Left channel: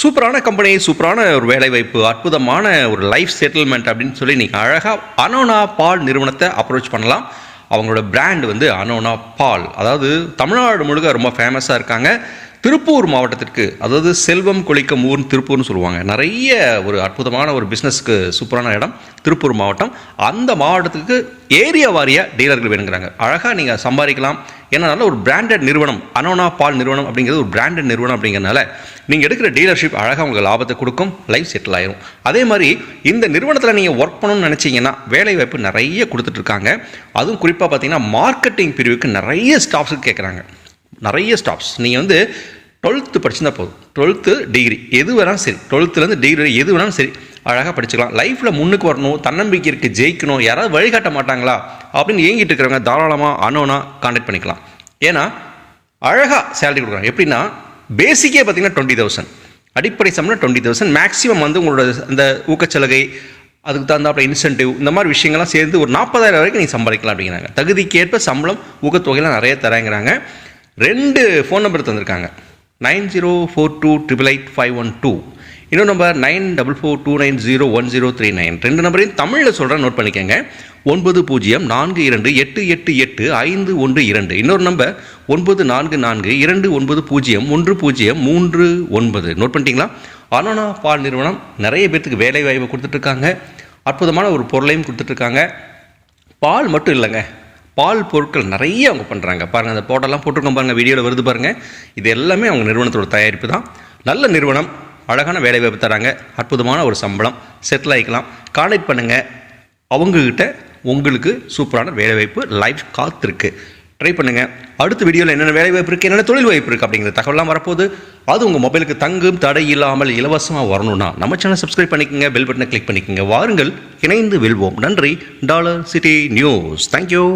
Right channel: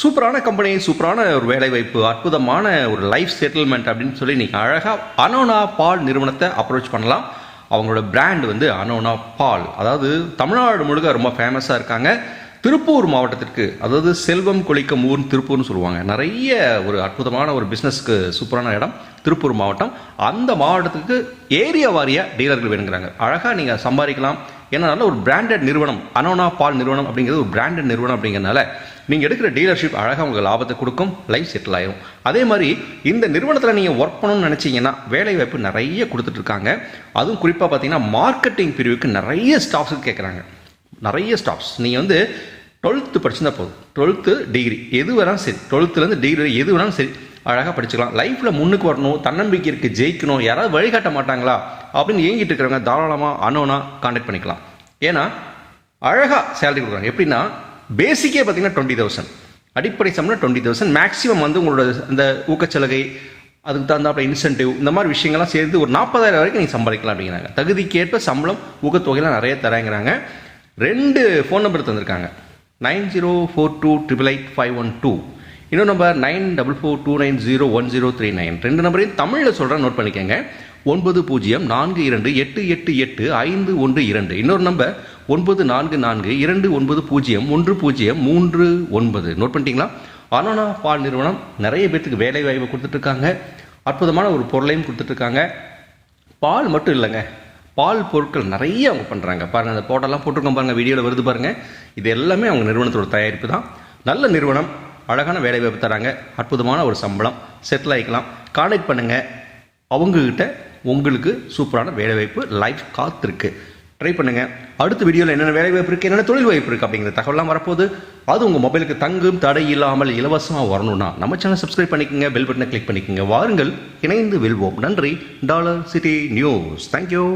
சூப்பரான கம்பெனி சூப்பரான ஒரு வேலைவாய்ப்பு அற்புதமான ஒரு லைஃப் செட்டில்மெண்ட் அப்படின்னு சொல்லி நீங்கள் அழகாக அனோனா பால் நிறுவனத்தை அப்ரோச் பண்ணலாம். அவங்களோட பிராண்ட் வந்து அனோனா பால் அதாவது தமிழ்நாடு முழுக்க ரொம்ப ஃபேமஸாக இருக்காங்க. திருப்பூர் மாவட்டத்திற்கு அதாவது செல்வம் கொளிக்கும் ஊர் திருப்பூர்னு சொல்லுவாங்க. நிறைய ஒரு அற்புதமான ஒரு பிஸ்னஸ்க்கு சூப்பரான இடம் திருப்பூர் மாவட்டம். அந்த மாவட்டத்துக்கு ஏரியா வாரியாக டீலர்கள் வேணுங்கிறாங்க. அழகாக நீங்கள் சம்பாதிக்கலாம். ஏன்னா நல்ல ஒரு பிராண்டட் நிறுவனம் அனோனா பால் நிறுவனம் அப்படிங்கிறது ஒரு பிராண்டட் நிறுவனம் அப்படிங்கிறனால நீங்கள் எடுக்கிற டீலர்ஷிப் அழகாக உங்களுக்கு லாபத்தை கொடுக்கும் லைஃப் செட்டில் ஆயிரும். அதே மாதிரி இந்த நிறுவனத்தில் நீங்கள் ஒர்க் பண்ணணும்னு நினச்சிங்கன்னா வேலை வாய்ப்பு நிறைய கொடுத்துட்ருக்காங்க அதுவும் குறிப்பாக பார்த்தீங்கன்னா மார்க்கெட்டிங் பிரிவுக்கு நிறைய ஸ்டாஃப்ஸுக்கு கேட்குறாங்க நிறைய ஸ்டாப்ஸ் நீங்கள் வந்து டுவெல்த்து படிச்சிருந்தா போதும். டுவெல்த்து டிகிரி எது வேணாலும் சரி. டுவெல்த்துலேருந்து டிகிரி எது வேணாலும் சரி. அழகாக படிச்சுக்கலாம். லைஃப்பில் முன்னுக்கு வரணும். தன்னம்பிக்கை இருக்குது ஜெயிக்கணும். யாராவது வழிகாட்ட மாட்டாங்களா? அப்படின்னு ஏங்கிட்டு இருக்கிறவங்க தாராளமாக அனோனா கான்டாக்ட் பண்ணிக்கலாம். ஏன்னா அழகாக சேலரி கொடுக்குறாங்க. எப்படின்னா பேசிக்கே பார்த்தீங்கன்னா டுவெண்ட்டி தௌசண்ட் அடிப்படை சம்பளம் டுவெண்ட்டி தௌசண்ட் மேக்ஸிமம் வந்து உங்களோட இந்த ஊக்கச்சலுகை அதுக்கு தகுந்தாப்புல இன்சென்டிவ் இந்த மாதிரி விஷயங்கள்லாம் சேர்ந்து ஒரு நாற்பதாயிரம் வரைக்கும் நீங்கள் சம்பாதிக்கலாம் அப்படிங்கிறாங்க. தகுதிக்கேற்ப சம்பளம் ஊக்கத்தொகைலாம் நிறைய தராங்கிறாங்க. ரெண்டு ஃபோன் நம்பர் தந்திருக்காங்க. Nine zero four two triple eight five one two. இன்னொரு number nine double four two nine zero one zero three nine. ரெண்டு நம்பரையும் தமிழில் சொல்கிறேன் நோட் பண்ணிக்கோங்க. ஒன்பது பூஜ்ஜியம் நான்கு இரண்டு எட்டு எட்டு எட்டு ஐந்து ஒன்று இரண்டு. இன்னொரு நம்பர் ஒன்பது நான்கு நான்கு இரண்டு ஒன்பது பூஜ்ஜியம் ஒன்று பூஜ்ஜியம் மூன்று ஒன்பது. நோட் பண்ணிட்டீங்களா? அனோனா பால் நிறுவனம் நிறைய பேர்த்துக்கு வேலை வாய்ப்பு கொடுத்துட்ருக்காங்க அற்புதமான ஒரு பொருளையும் கொடுத்துட்ருக்காங்க பால் மட்டும் இல்லைங்க. பால் பொருட்கள் நிறைய அவங்க பண்ணுறாங்க பாருங்கள் அந்த போட்டெல்லாம் போட்டிருக்கோம் பாருங்கள் வீடியோவில் வருது பாருங்கள் இது எல்லாமே அவங்க நிறுவனத்தோட தயாரிப்பு தான். நல்ல நிறுவனம் அழகான வேலை வாய்ப்பு தராங்க. அற்புதமான ஒரு சம்பளம். செட்டில் ஆகிக்கலாம் கான்டாக்ட் பண்ணுங்கள் அவங்கக்கிட்ட உங்களுக்கு சூப்பரான வேலை வாய்ப்பு லைஃப் காத்திருக்கு ட்ரை பண்ணுங்கள் அடுத்த வீடியோவில் என்னென்ன வேலை வாய்ப்பு இருக்குது என்னென்ன தொழில் வாய்ப்பு இருக்குது அப்படிங்கிற தகவலாம் வரப்போகுது. அது உங்கள் மொபைலுக்கு தங்கும் தடை இல்லாமல் இலவசமாக வரணும்னா நம்ம சேனல் சப்ஸ்கிரைப் பண்ணிக்கோங்க பெல் பட்டனை கிளிக் பண்ணிக்கோங்க. வாருங்கள் இணைந்து வெல்வோம். நன்றி. Dollar city news. தேங்க்யூ